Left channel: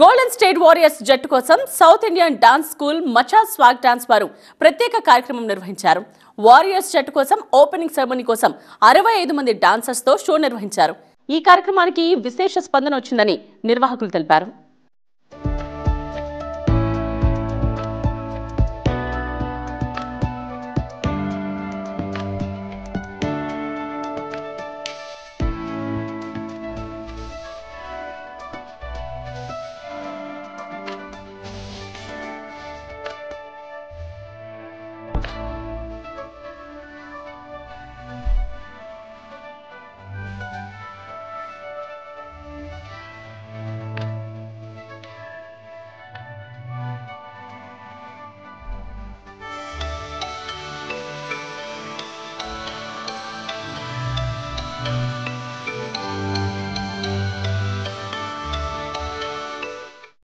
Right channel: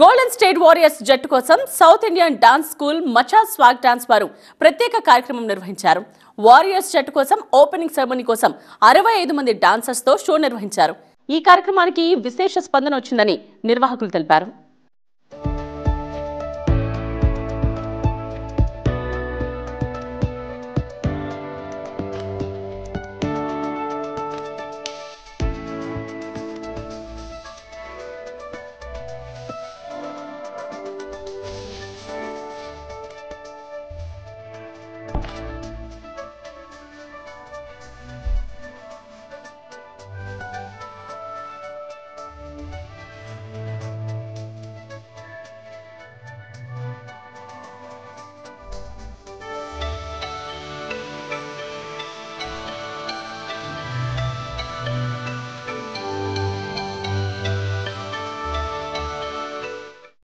Golden state warriors జట్టు కోసం south Indian dance school మచా swag dance వారు ప్రత్యేక కార్యక్రమం నిర్వహించారు. వారియర్స్ జట్టు కోసం ఓపెనింగ్ సెరమనీ కోసం 65 మంది డాన్సర్స్ తో షో నిర్వహించారు. ఈ కార్యక్రమానికి విశేష స్పందన వచ్చిందని నిర్వాహకులు తెలిపారు.